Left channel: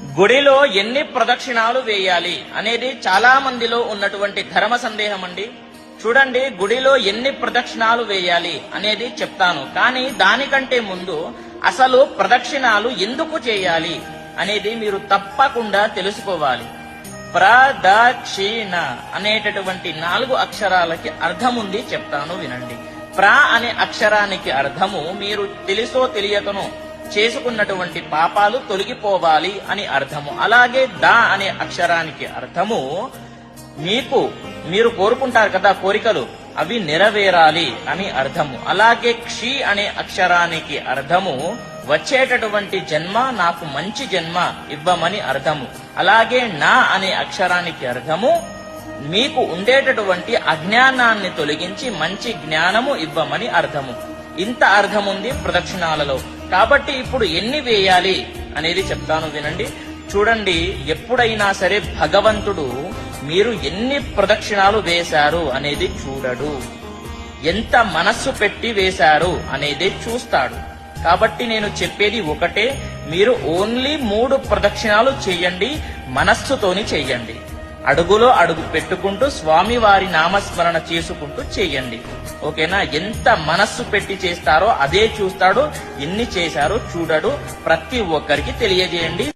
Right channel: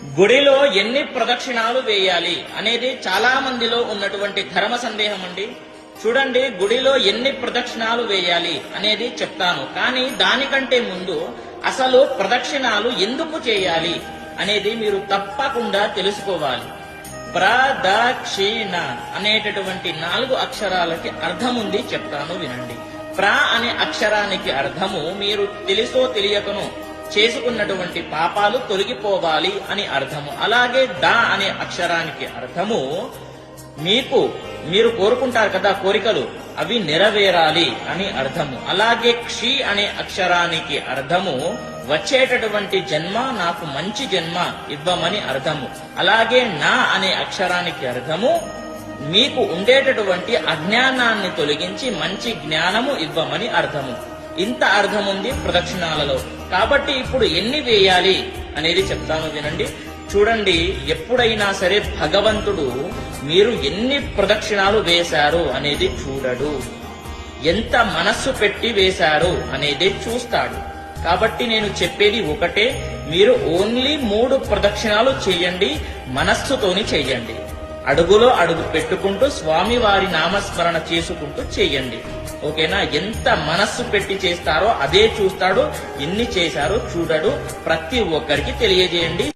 గుడిలో ఎన్ని ప్రదక్షిణాలు వేయాలి అనేది చాలా మందిలో ఉన్నటువంటి ధర్మ సందేహం అండి. చూడండి, గుడిలో ఎన్ని ప్రదక్షిణాలు వేయాలి అనేది చెప్తాను, కానీ దానికంటే ముందు అసలు ప్రదక్షిణాలు ఎందుకు చేయాలి అనేది మీరు తప్పకుండా తెలుసుకోవాలి. ప్రదక్షిణ అనేటటువంటి 4 అక్షరాలకి అర్థం ఉంది, చెప్తాను వినండి. అనే అక్షరానికి అర్థము మీరు తెలుసో తెలియకనో చేసుకున్నటువంటి పాపాలు తొలగిపోవాలి అని అర్థము. అలాగే అనే అక్షరానికి అర్థము మీరు కోరుకుంటారు కదా కోరికలు, అవి నెరవేరాలి అని అర్థము. అలాగే అనే అక్షరానికి అర్థము వచ్చేటటువంటి జన్మ నాకు మంచి జన్మ ఇవ్వమని అర్థము. అలాగే అనే అక్షరానికి అర్థము మీకు ఉండేటటువంటి అజ్ఞానాన్ని తొలగించి మంచి జ్ఞానము ఇవ్వమని అర్థము. ఇంత అర్థం ఉంది ప్రదక్షిణాలలో. కాబట్టి ఇప్పుడు ఎన్ని వేయాలి అనేది చెప్తాను వినండి. చూడండి, ఎప్పుడైనా సరే భగవంతుడు మీరు ఎన్ని ప్రదక్షిణాలు వేశారు అనేది చూడడు, ఎంత మనస్సు పెట్టి వేశారు అనేది చూస్తాడు. కాబట్టి నేను చెప్పేది ఒకటే, మీరు ఓన్లీ 3 ప్రదక్షిణాలు చెయ్యండి, మనస్సుతోని చెయ్యండి. అడుగులో అడుగు పెట్టుకుంటూ స్వామి వారి నామస్మరణ చేసుకుంటూ చేయండి. ఓకేనా? ఎంత మనస్సు పెట్టి చేస్తారో అదే చూస్తాడు, ఎన్ని చేశారో చూడడు. ప్రతి ఒక్కరికి తెలియజేయండి.